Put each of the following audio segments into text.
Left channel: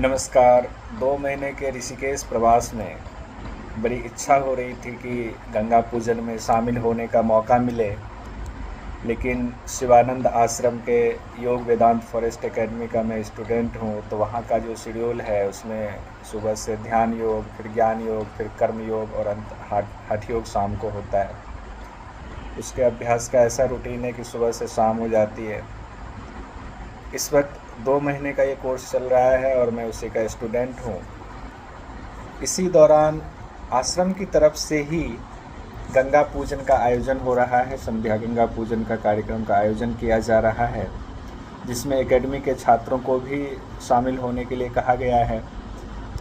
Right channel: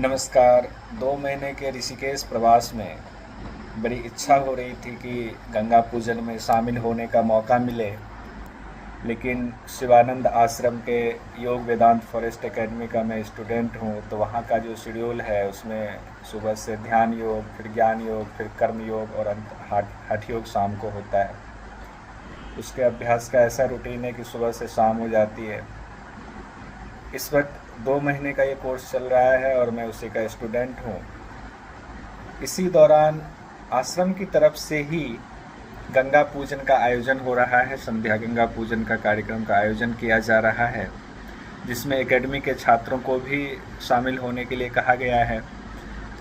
नमस्कार। 2 महीने के ऋषिकेश प्रवास में बड़ी इच्छा हो रही थी कि गंगा पूजन में शामिल होने का मौका मिले, लेकिन शिवानंद आश्रम के योग वेदांत फॉरेस्ट एकेडमी का मैं स्टूडेंट हूँ, तो वहाँ का जो शेड्यूल है उसमें सुबह से ध्यान योग, फिर ज्ञान योग, फिर कर्म योग और अंत हठ योग शाम को होता है। उसके अभ्यास का ऐसा रूटीन है कि सुबह से शाम हो जाती है। इस वक्त 2 महीने का ये कोर्स चल रहा है और मैं उसी का स्टूडेंट हूँ। इसी दौरान आश्रम की तरफ से ही गंगा पूजन का आयोजन हो रहा है। संध्या गंगा पूजन का कार्यक्रम का आयोजन किया जा रहा है, जिसमें एकेडमी के छात्रों को भी शामिल होने के लिए कहा गया है।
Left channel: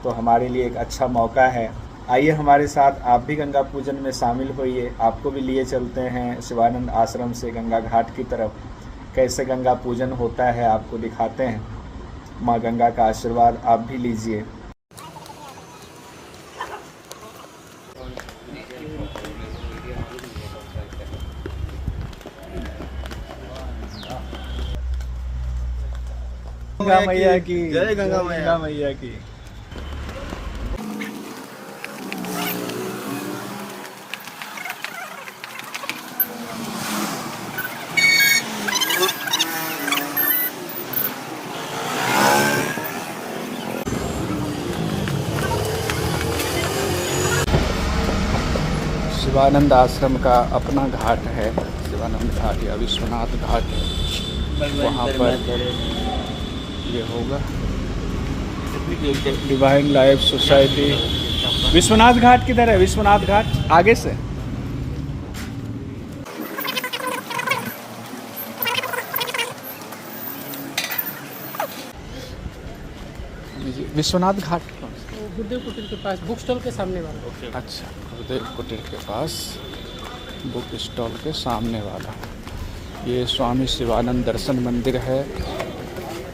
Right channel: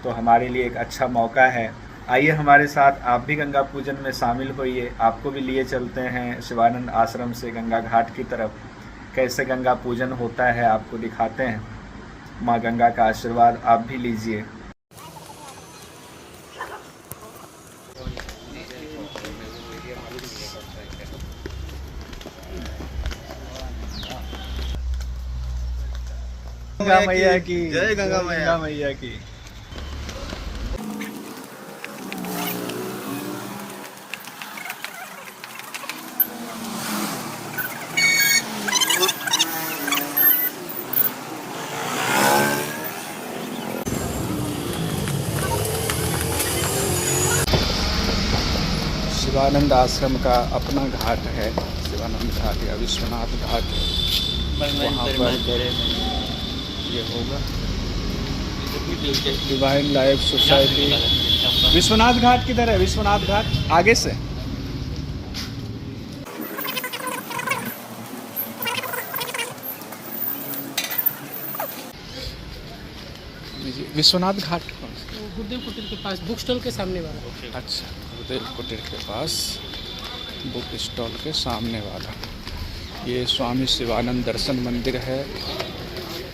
तो हमारे लिए एक अच्छा मौका है। आइए हमारे साथ आप भी गंगा पूजन में शामिल होइए। आपको भी लिए चलते हैं शिवानंद आश्रम से गंगा घाट की तरफ। कैसे गंगा पूजन होता है आपको दिखाते हैं। माँ गंगा का आशीर्वाद आप भी लीजिए। गंगा मैया की जय। गंगा मैया की। शिवानंद आश्रम का अपना घाट है, शिवानंद घाट या विश्वनाथ घाट है। वहाँ पर ये होगा डिवाइन लाइफ सोसाइटी। विश्वनाथ घाट किधर है? विश्वनाथ घाट आगे से। विश्वनाथ घाट कौन? गुरुदेव कुटीर के पास, बुक स्टॉल के सामने वाला। अच्छा, गुरुदेव कुटीर के पास बुक स्टॉल के सामने वाला। ये स्वामी शिवानंद दर्शन मंदिर है।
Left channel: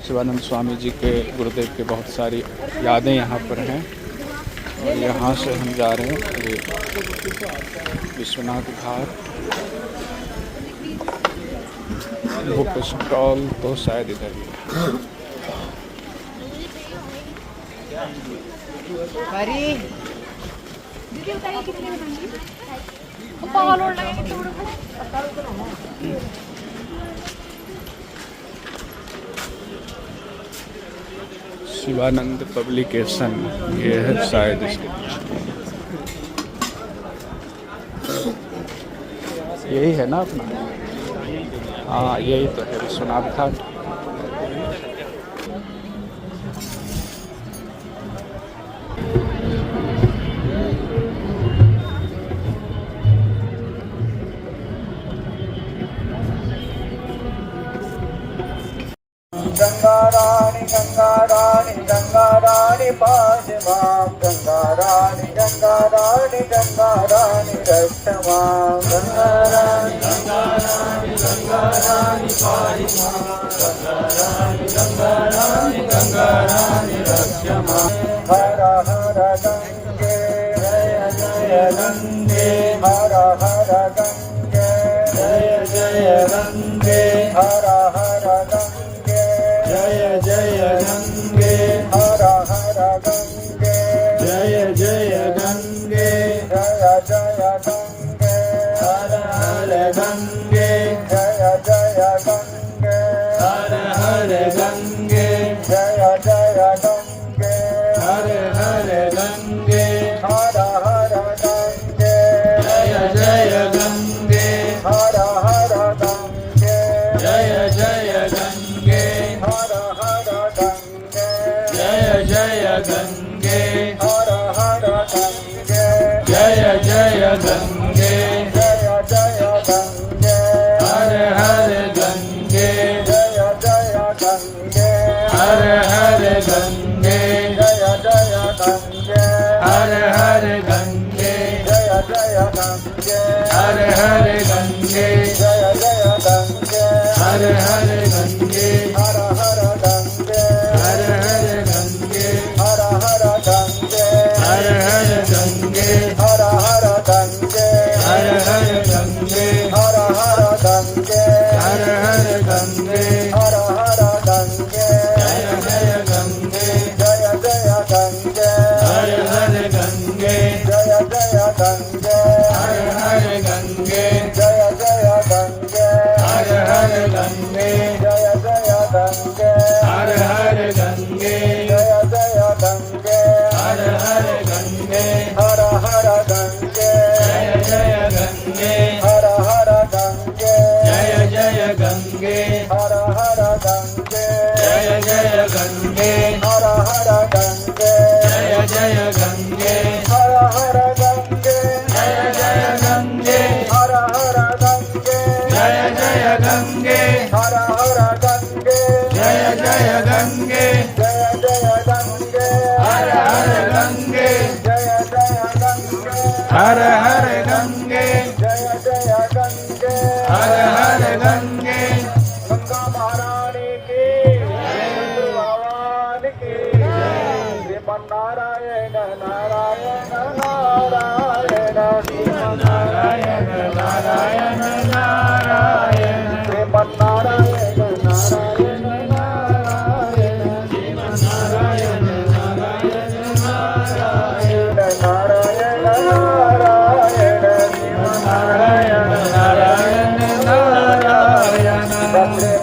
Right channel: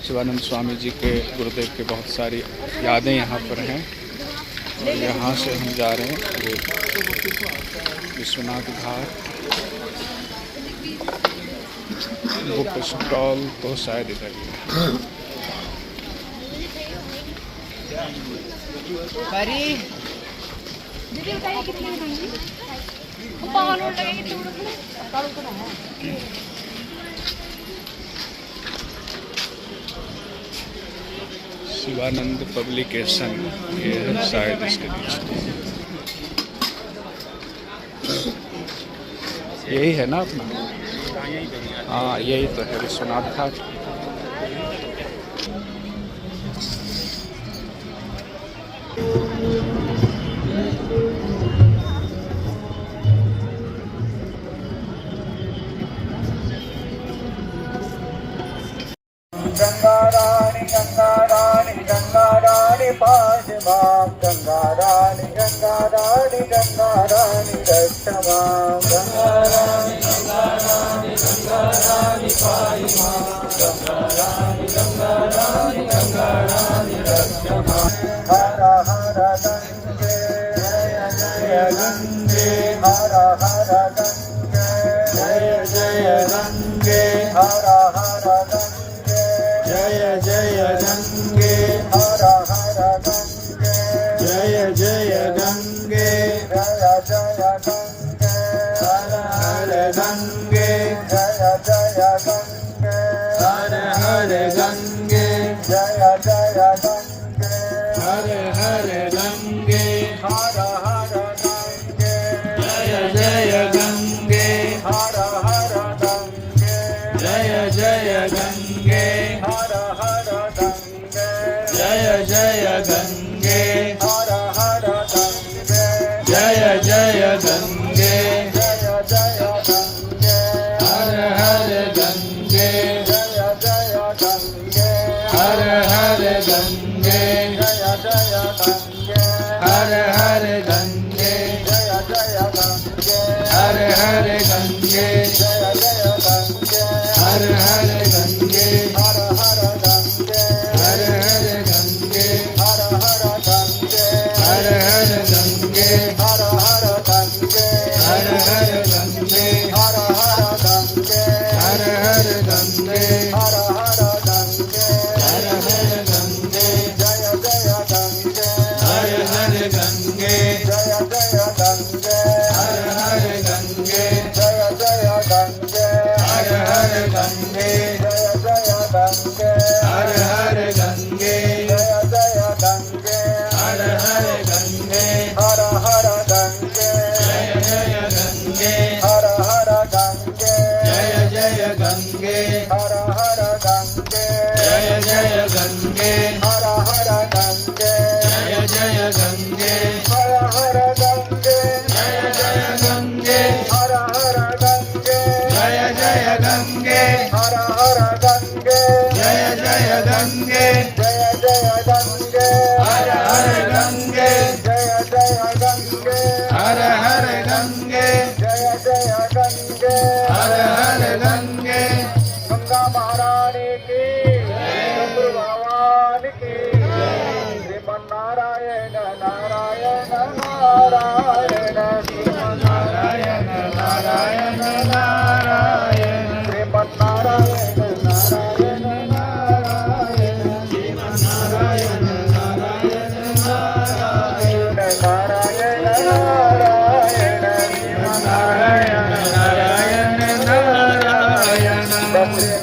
शिवानंद स्वामी जी के, गुरुदेव के बहुत सारी यादें यहाँ पर हैं और यहाँ से हम जा रहे हैं विश्वनाथ घाट। बुक स्टॉल तो शायद इधर ही है। शिवानंद पब्लिकेशन ये है शायद इसके नीचे। यही है ना अपना? हाँ, यही तो है विश्वनाथ घाट। गंगा रानी पास मां। गंगा रानी रक्षा मां। गंगा रानी पास मां। गंगा रानी रक्षा मां। हर हर गंगे जय जय गंगे। हर हर गंगे जय जय गंगे। हर हर गंगे जय जय गंगे। हर हर गंगे जय जय गंगे। जय जय गंगे। हर हर गंगे जय जय गंगे। हर हर गंगे जय जय गंगे। हर हर गंगे। हर हर गंगे जय जय गंगे। हर हर गंगे जय जय गंगे। हर हर गंगे जय जय गंगे। हर हर गंगे जय जय गंगे। जय जय गंगे। हर हर गंगे जय जय गंगे। हर हर गंगे जय जय गंगे। हर हर गंगे जय जय गंगे। हर हर गंगे जय जय गंगे। हर हर गंगे। हर हर गंगे। हर हर गंगे। हर हर गंगे। हर हर गंगे। हर हर गंगे। हर हर गंगे। हर हर गंगे। हर हर गंगे। हर हर गंगे। हर हर गंगे। जय गंगे हर हर गंगे जय जय गंगे हर हर गंगे जय जय गंगे हर हर गंगे जय जय गंगे हर हर गंगे जय जय गंगे जय जय गंगे हर हर गंगे जय जय गंगे हर हर गंगे जय जय गंगे हर हर गंगे गंगा महारानी की चंद्र भगवान की श्रीमन नारायण नारायण नारायण श्रीमन नारायण नारायण नारायण श्रीमन नारायण नारायण नारायण नारायण नारायण नारायण नारायण नारायण नारायण नारायण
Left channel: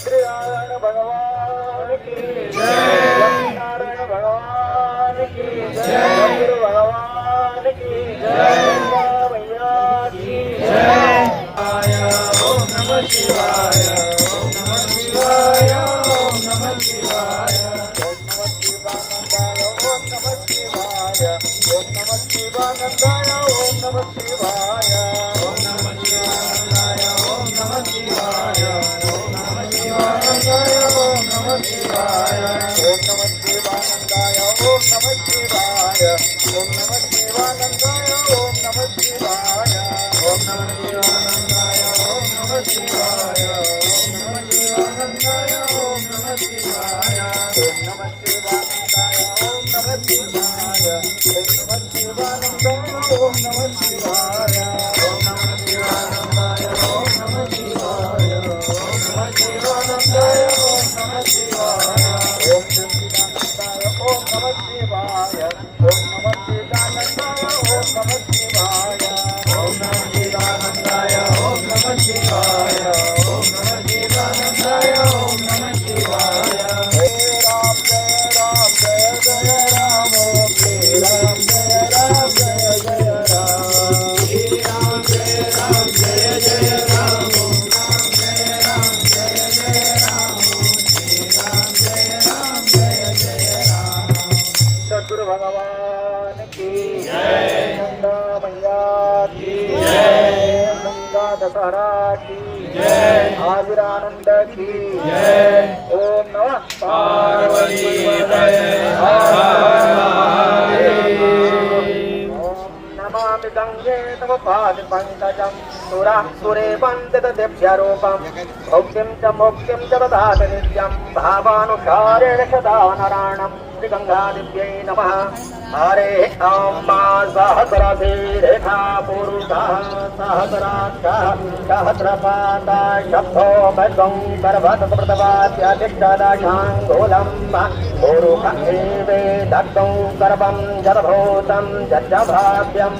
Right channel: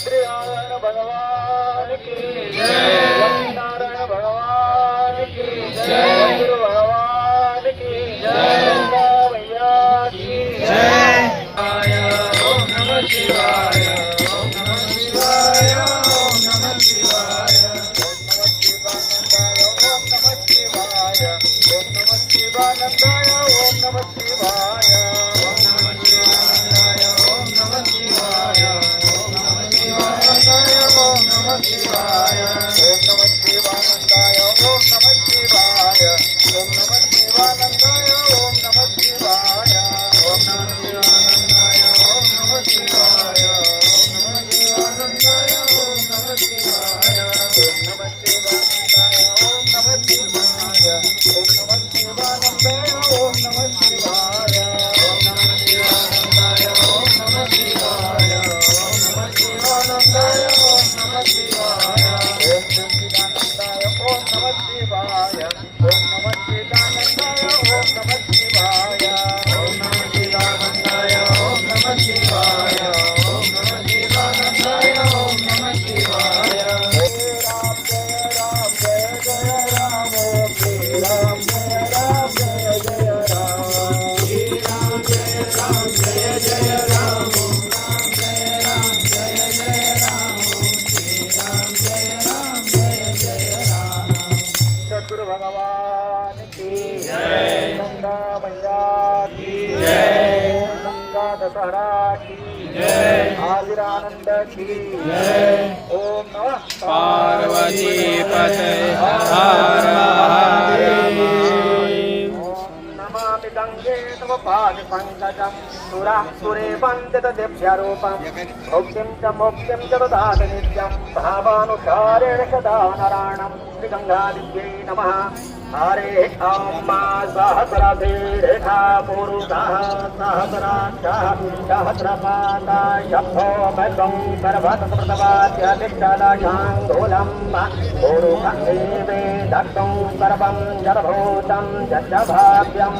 सत्रिनारायण भगवान की जय, नारायण भगवान की जय, गुरु भगवान की जय, भैया की जय। ओम नमः शिवाय, ओम नमः शिवाय, ओम नमः शिवाय, ओम नमः शिवानंदाय, ओम नमः शिवाय, ओम नमः शिवानंदाय, ओम नमः शिवाय, ओम नमः शिवानंदाय, ओम नमः शिवाय, ओम नमः शिवानंदाय, ओम नमः शिवाय, ओम नमः शिवानंदाय, ओम नमः शिवाय, ओम नमः शिवानंदाय, ओम नमः शिवाय, ओम नमः शिवानंदाय, ओम नमः शिवाय, ओम नमः शिवानंदाय, ओम नमः शिवाय, ओम नमः शिवानंदाय, ओम नमः शिवाय, ओम नमः शिवानंदाय, ओम नमः शिवाय, ओम नमः शिवानंदाय, ओम नमः शिवाय, ओम नमः शिवानंदाय, ओम नमः शिवाय, ओम सच्चिदानंदाय, ओम नमः शिवाय, ओम नमः चिदानंदाय, ओम नमः शिवाय, ओम नमः चिदानंदाय, ओम नमः शिवाय, ओम नमः चिदानंदाय, ओम नमः शिवाय। जय राम जय राम जय राम, जय राम जय राम, जय राम जय राम, राम जय राम, जय राम, जय राम, जय राम। सद्गुरु भगवान की जय, गंगा मैया की जय, गंगा दशहरा की जय, हाजिरानंद की जय। ओम नमः पार्वती पते हर महादेव। ओम नमामि गंगे तव पादपङ्कजं सुरे वन्दितदिव्यरूपं भोक्तिं च मोक्तिं च ददाति नित्यं भावानुसारेण सदा नारायणं श्रीगङ्गादिव्यै नमः। हरे ॐ सहस्रशीर्षा पुरुषः सहस्राक्षः सहस्रपादाय शम्भो मध्वं सर्वतप्रदवाप्यतिष्ठदाशाङ्गूलं पुरुषमेवे दत्तं सर्वं जडभूतं जडभाव्यं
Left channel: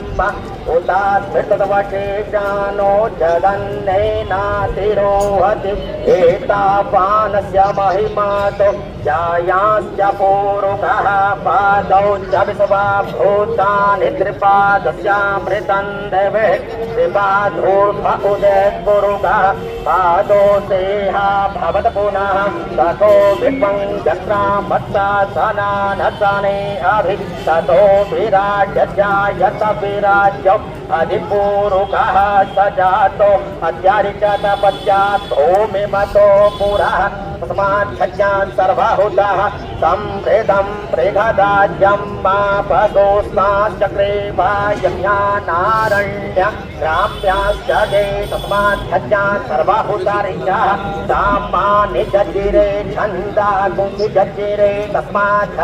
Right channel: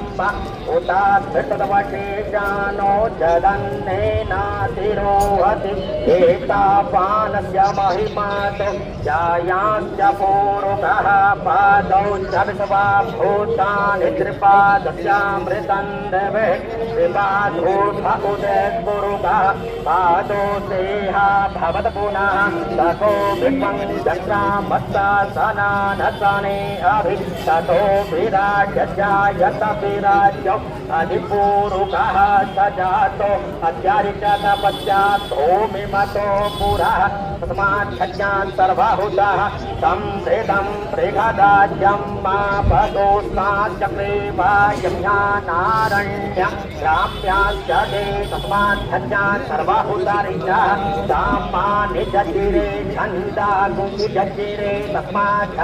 उतास्थितवशेषानो जगन्नेनातिरोहति एतापानस्य महिमातो जायांश्च पूरुषः पादौ च विश्वभूतानि त्रिपादस्यामृतं देवे शिवाधूर्भ उदयपुरुषः पादो देहा भवत पुनः ततो विश्वं जग्रामत्तासनानसने अभि ततो विराजजायत विराज्यो अधिपूरुषः स जातो अत्यारिचत पश्चात् ओमिमतो पुरः तस्मात् खज्यान् सर्वहुतः तं वेदं प्रेगदाज्यं मापदोस्माच्चक्रे वायम्यानारण्यं ग्राम्याश्च दे तस्मात् खज्यान् सर्वहुतारिचः तामानि जज्जिरे छन्दागुं जज्जिरे तस्मात्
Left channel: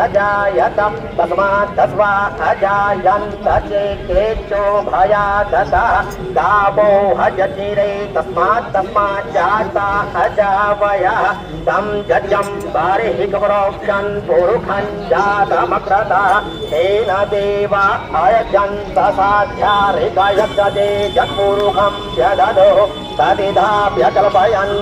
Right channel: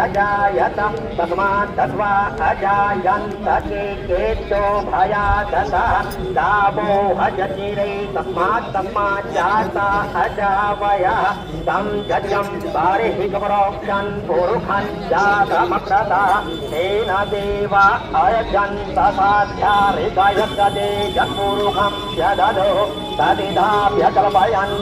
अजायत तस्मात् दस्वा अजायन्त चेतेभ्यो भयादतः दावो हजजिरे तस्मात् जाता अजावयः तं जज्ञं बारिहिकप्रोक्षन् पुरुषं जातमक्रतः तेन देवा अयजन्त साध्याहृदयजते जपुरुषं जददो तदिदाभ्यकल्पयन्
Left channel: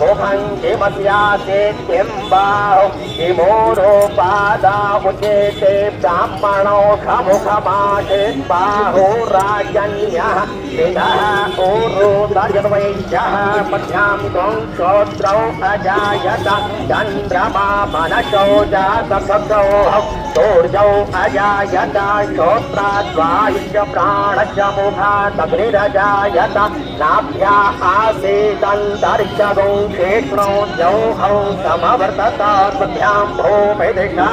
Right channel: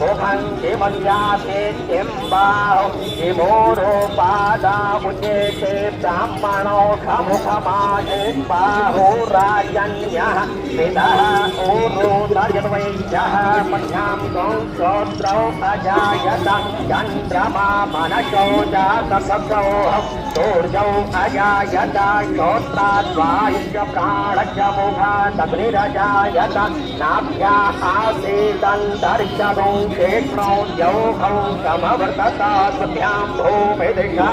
मुखं किमस्यासे किं बाहो किमोरोपादामुचेते ब्राह्मणो खमुखमासे बाहो राजन्यः पितः ऊरुतर्जवैश्यः मध्यां त्वं श्रोत्रौ अजायत चन्द्रमा मनसो जातसौ सूर्यौ अजायत श्रोत्राद्वायुश्च प्राणश्च मुखादग्निरजायत नाभ्या आसीदन्तरिक्षगौ क्षेत्रो द्यौः समवर्तताभ्यां भूमिदिशः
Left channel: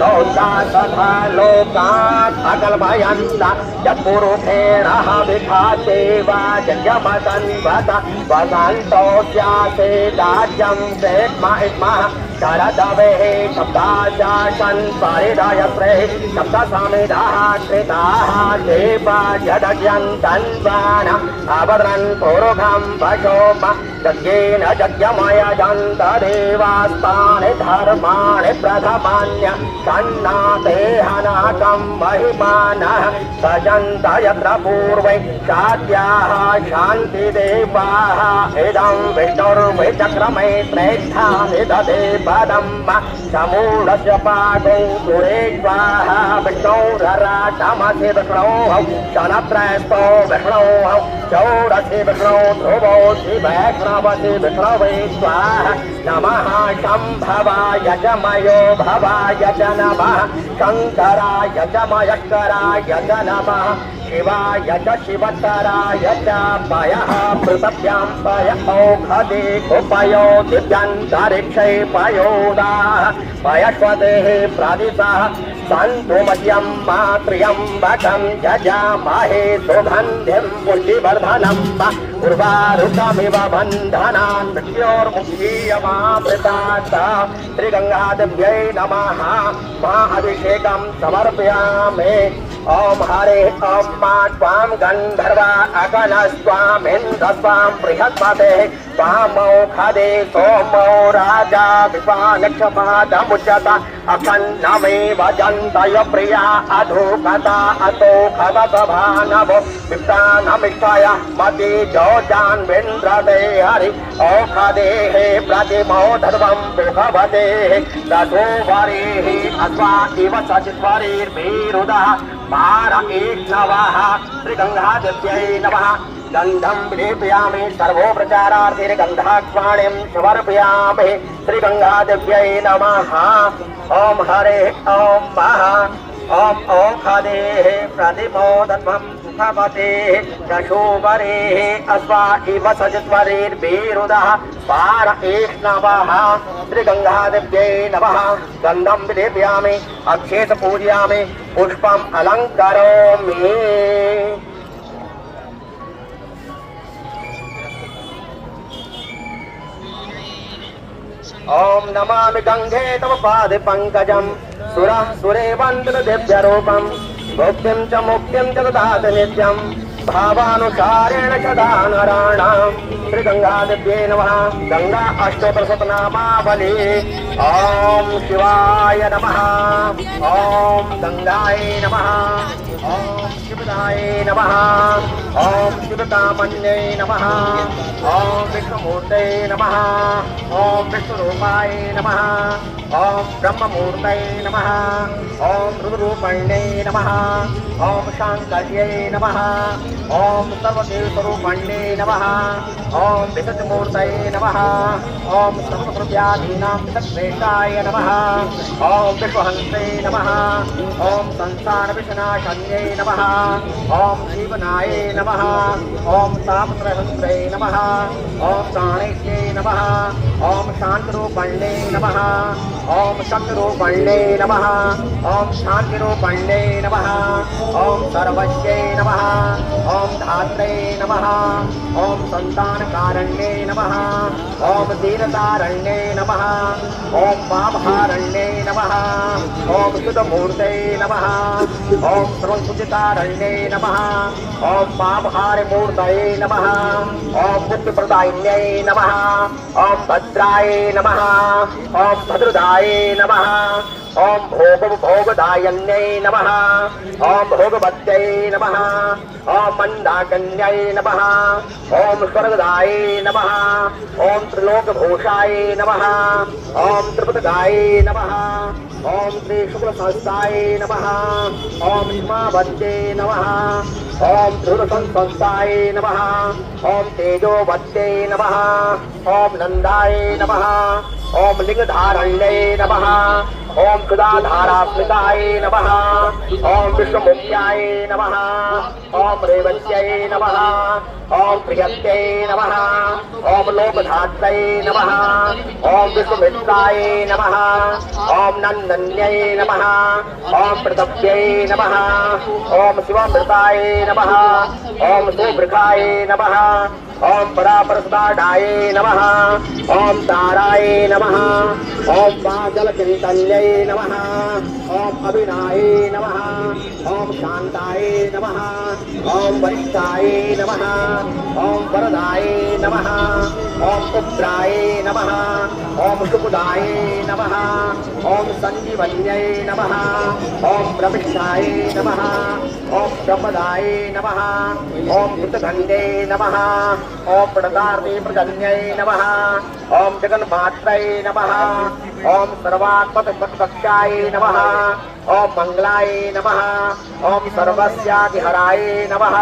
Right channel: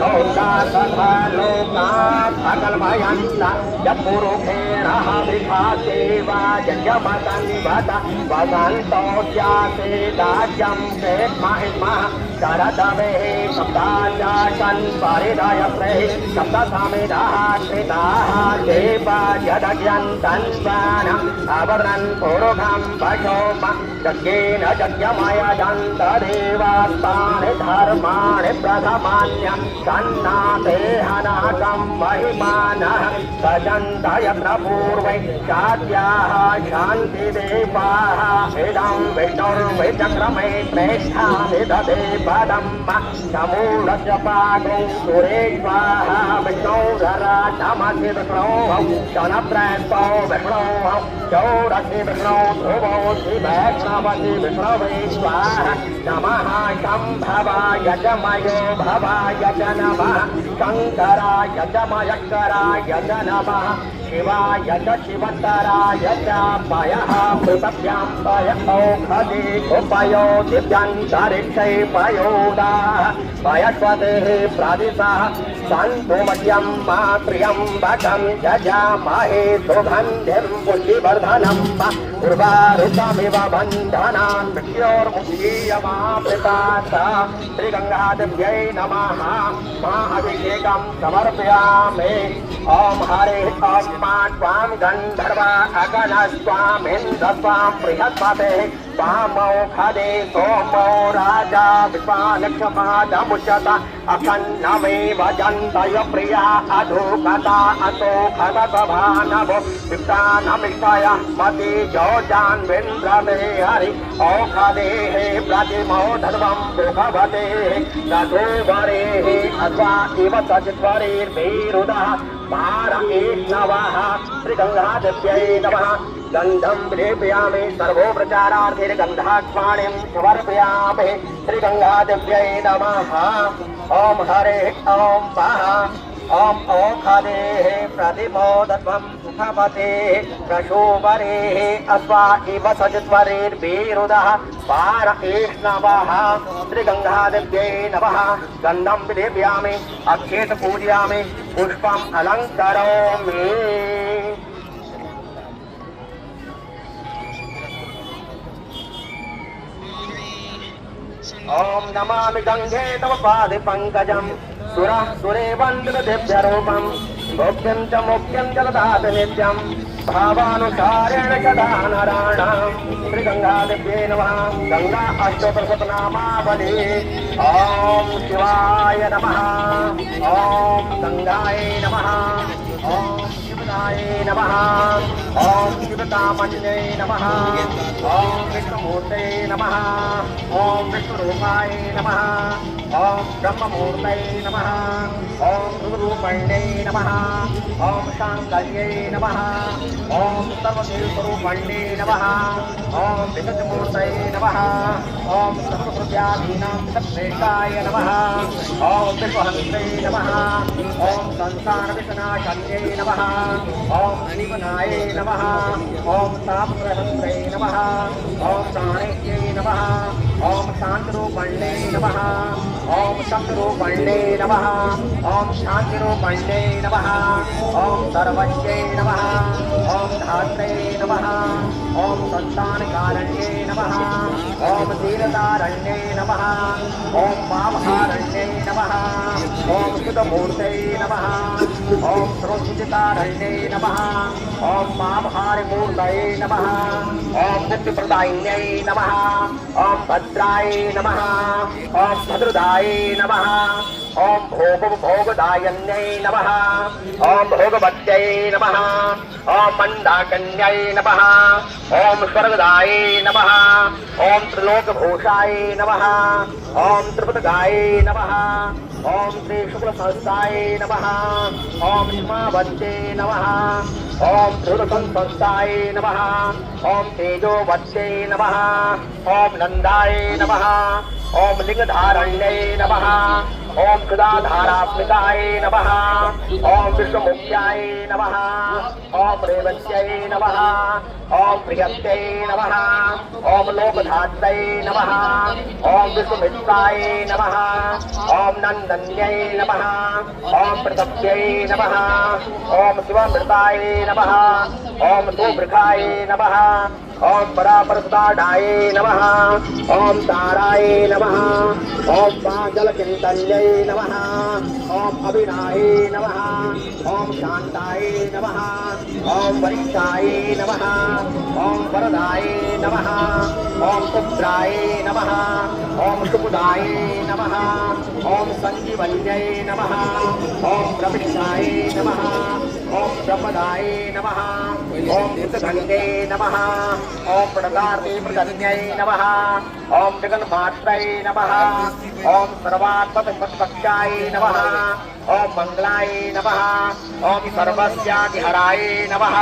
लोका तथा लोकात् अकल्पयन्त यत्पुरुषेणः विभाते वा जयमतन्वत वसन्तो स्यासे राज्यं वेद्महिमः शरदवेः शब्दाचाशन् परिदय प्रेः शब्दसमिधः कृताः देवा यदयन्तन्वानम् अवरन् पुरुषं वशोम यज्ञेन यज्ञमय दन्तदेवास्तानि धर्माणि प्रथमान्य सन्नाते हनाकं महिमानः सजन्त यत्र पूर्वै शाद्याः शान्तिदेवाः इदं विष्णुर्विचक्रमे प्रेष्ठामि ददे पदम् समूढस्य पादौ सुरेश्वाः विष्णोरराटमसि विष्णोः शनत्रयस्थो विष्णोः चौरसि विष्णो ध्रुवो शिवैष्णवसि विष्णवे स्वाहा नमः शम्भवाय च मयो भवाय च नमः शङ्कराय च मयस्कराय च नमः शिवाय च शिवतराय च पयः पृथिव्यां पय औषधि उपयो दिव्यन्तरिक्षे पयोदाः पयस्वतेः प्रदिशः सन्तु मह्यं त्र्यम्बकं यजामहे सुगन्धिं पुष्टिवर्धनं उर्वारुकमिव बन्धनान् मृत्योर्मुक्षीयमामृतात् श्रीगङ्गादेव्यै नमः महाअभिषेकं समर्पयामि ॐ हरे ॐ मा त्वां गन्धर्वा अगणस्त्वामिन्द्रस्त्वां बृहस्पते त्वामौषधे सोमो राजा विश्वानक्षपादमुच्यत अखण्डमेव जन्तय प्रिया अधोकता अतो खवसभानभो विप्तानमिष्टाय मति जोजान्विन्द्रते हरि औषधेः प्रतिमो धर्मं भुवतेः ततो वरेः अथवा इव सचिद्वरेर्भिरुदः पारमेष्णवः श्रीगङ्गादेव्यै नमः गन्धं लेपयामि सर्वोपचारार्थेन गन्धाक्ष्माणिं समर्पयामि श्रीगङ्गादेव्यै नमः ॐ हरे ॐ मः ॐ औषधेः प्रतिमोदत्वं सुखपतेः दशोवरेः अश्वा इव सचिद्वरेर्भिरुदः पारमेष्णवः श्रीगङ्गादेव्यै नमः गन्धं लेपयामि अक्षेत पूजयामि पुष्पम् अलङ्करोमि ॐ नमामि गङ्गे तव पादपङ्कजं सुरे वन्दनदिव्यरूपं भोक्तिं च मुक्तिं च ददाति नित्यं भावानुसारेण सदा नराणां श्रीगङ्गादेव्यै नमः गङ्गा अष्टोत्तरशतनामावली ॐ शिवाय नमः ॐ गङ्गायै नमः ॐ शिवदाय नमः ॐ शिवकामन्यै नमः ॐ विष्णुमूर्तये नमः ॐ विष्णुरूपाय नमः ॐ ब्रह्ममूर्तये नमः ॐ रुद्ररूपिण्यै नमः ॐ शाङ्कर्यै नमः ॐ सर्वतीर्थरूपिण्यै नमः ॐ विशुद्धमूर्तये नमः ॐ सर्वप्रत्यादीनां श्रेष्ठाय नमः ॐ विश्वहन्त्रे नमः ॐ संसारविनाशन्यै नमः ॐ जीवनाय नमः ॐ तापत्रहन्त्रे नमः ॐ प्राणेश्यै नमः ॐ शान्तरूपिण्यै नमः ॐ शक्तिरूपिण्यै नमः ॐ शान्तिरूपिण्यै नमः ॐ सर्वज्ञै नमः ॐ धात्रे नमः ॐ सन्तानकारण्यै नमः ॐ दीनतारण्यै नमः ॐ पापहारण्यै नमः ॐ शुद्धमूर्तये नमः ॐ सर्वसुचितारण्यै नमः ॐ पापहारमूर्तये नमः ॐ मुक्तिप्रदायिन्यै नमः ॐ भद्राय नमः ॐ भद्रदाय नमः ॐ भोगदायन्यै नमः ॐ भोगवत्यै नमः ॐ मन्दाकन्यै नमः ॐ स्वर्गदाय नमः ॐ त्रिलोकभूषाय नमः ॐ त्रिपदगाय नमः ॐ श्रीशुक्लसहस्राय नमः ॐ हिमावत्यै नमः ॐ ध्रुवसंस्थाय नमः ॐ तेजोवत्यै नमः ॐ नन्दाय नमः ॐ लिङ्गधारण्यै नमः ॐ सुधाधारास्मिताय नमः ॐ विष्णुमुख्याय नमः ॐ रेवत्यै नमः ॐ प्रियत्यै नमः ॐ लोकधात्रै नमः ॐ विष्णुमित्राय नमः ॐ नन्दन्यै नमः ॐ प्रतप्यै नमः ॐ शिवामृताय नमः ॐ सुवृखाय नमः ॐ परापरसुताढाय नमः ॐ ताराय नमः ॐ पाजलचिन्तन्यै नमः ॐ अभिनाय नमः ॐ शान्ताय नमः ओम वरिष्ठाय नमः ओम वरदाय नमः ओम उग्राय नमः ओम सुखदाय नमः ओम संजीवन्यै नमः ओम प्रविष्टाय नमः ओम प्रपदाय नमः ओम सुतगंधे नमः ओम प्रदार्थे प्रदन्यै नमः ओम जगन्मात्रै नमः ओम सर्वात्मकक्षाय नमः ओम मंगलाय नमः ओम सर्वस्याधिहराय नमः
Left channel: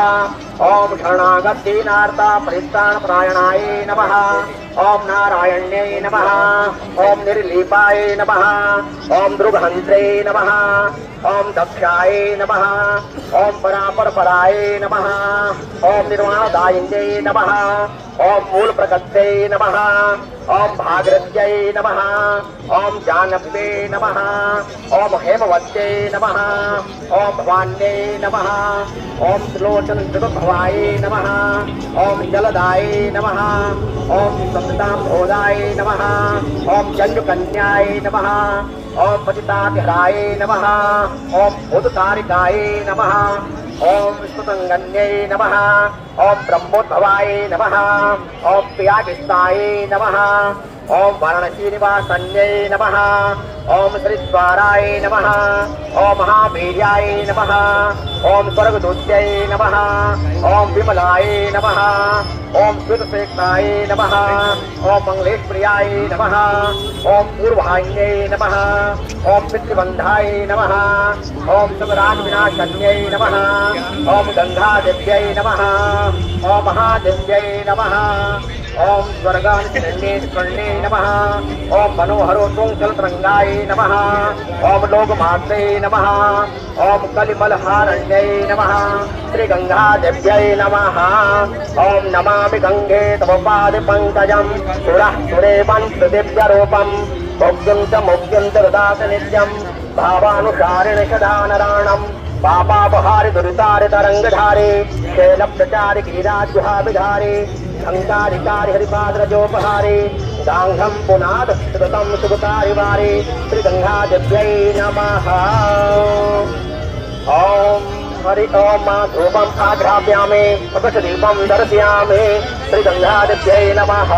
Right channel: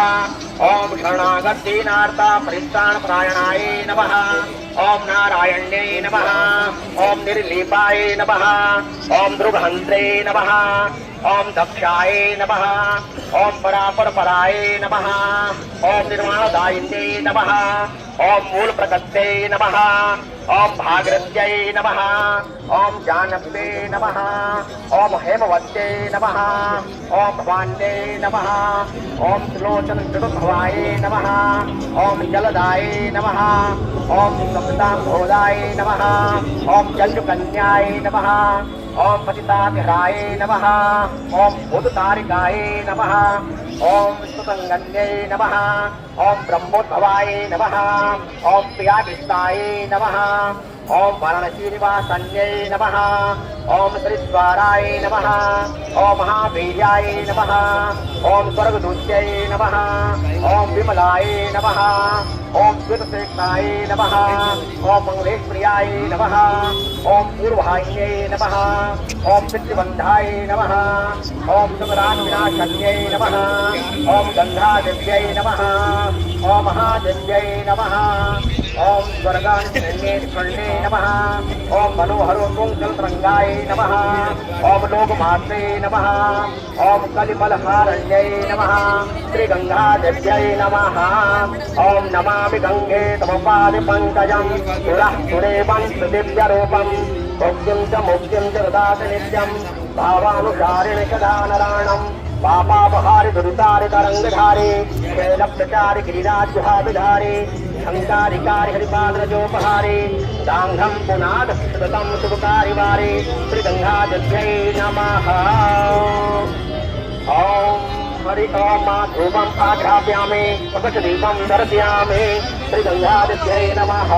ओम शरणागतदीनार्ता परित्राणपरायणाय नमः ओम नारायण्यै नमः ओम निर्लीपाय नमः ओम ध्रुवहन्त्रे नमः ओम दक्षाय नमः ओम परापरपराय नमः ओम निर्वाणदायिन्यै नमः ओम मूलप्रकृत्यै नमः ओम भागरथ्यै नमः ओम जानव्ये नमः ओम हेमवत्यै नमः ओम भवान्यै नमः ओम सुलोचन जगद्भवाय नमः ओम जलदाय नमः ओम सप्ताम्भोदाय नमः ओम जन्युकन्याय नमः ओम पतिताभिहराय नमः ओम भूततारिकाय नमः ओम विष्णुसंगन्यै नमः ओम ब्रह्मोद्भवाय नमः ओम प्रियागिष्टाय नमः ओम वाराणसीनिवासन्यै नमः ओम श्रीद्वाराय नमः ओम महावीर्याय नमः ओम स्वर्गदूत्यै नमः ओम विमलाय नमः ओम श्रुतशेखराय नमः ओम मंगलेशप्रियाय नमः ओम पूर्वाह्यै नमः ओम पितृबन्धाय नमः ओम सुखराजविनाशन्यै नमः ओम गंगादेव्यै नमः ओम महादेव्यै नमः ओम स्वर्गान्निर्णे नमः ओम मनोहरोत्तुङ्गजलतरङ्गाय नमः ओम लोकमात्रे नमः ओम कलिमलहारण्यै नमः श्रीगंगादेव्यै नमः ओम नमामि गंगे तव पादपङ्कजं सुरः सुरेवं दिव्यरूपं मुग्यन्त ददात नित्यं भावानुसारिण सदा नराणम् पापापहारि दुरितारि तरंगधारी शैलब्धचारि गिरिराज्यहाभिधारी शंकारिकारी हरिपादरजोपहारी दांघं पुनाद सततं शुभपारिवारी श्रीगंगादेव्यै नमः ओम हरि ओम धूपम् आघ्रापयामि प्रकाशदीपं दर्शयामि श्रीगंगादेव्यै नमः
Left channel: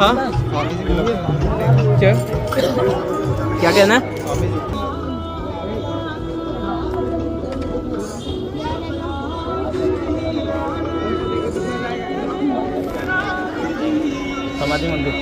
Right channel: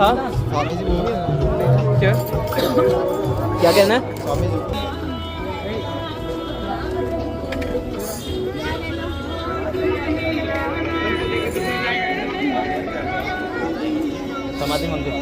हाँ क्या क्या कहना है समाधि मंदिर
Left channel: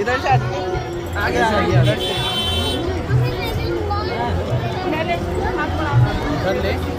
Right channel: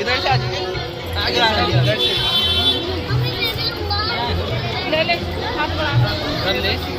इधर से आगे आ रही है।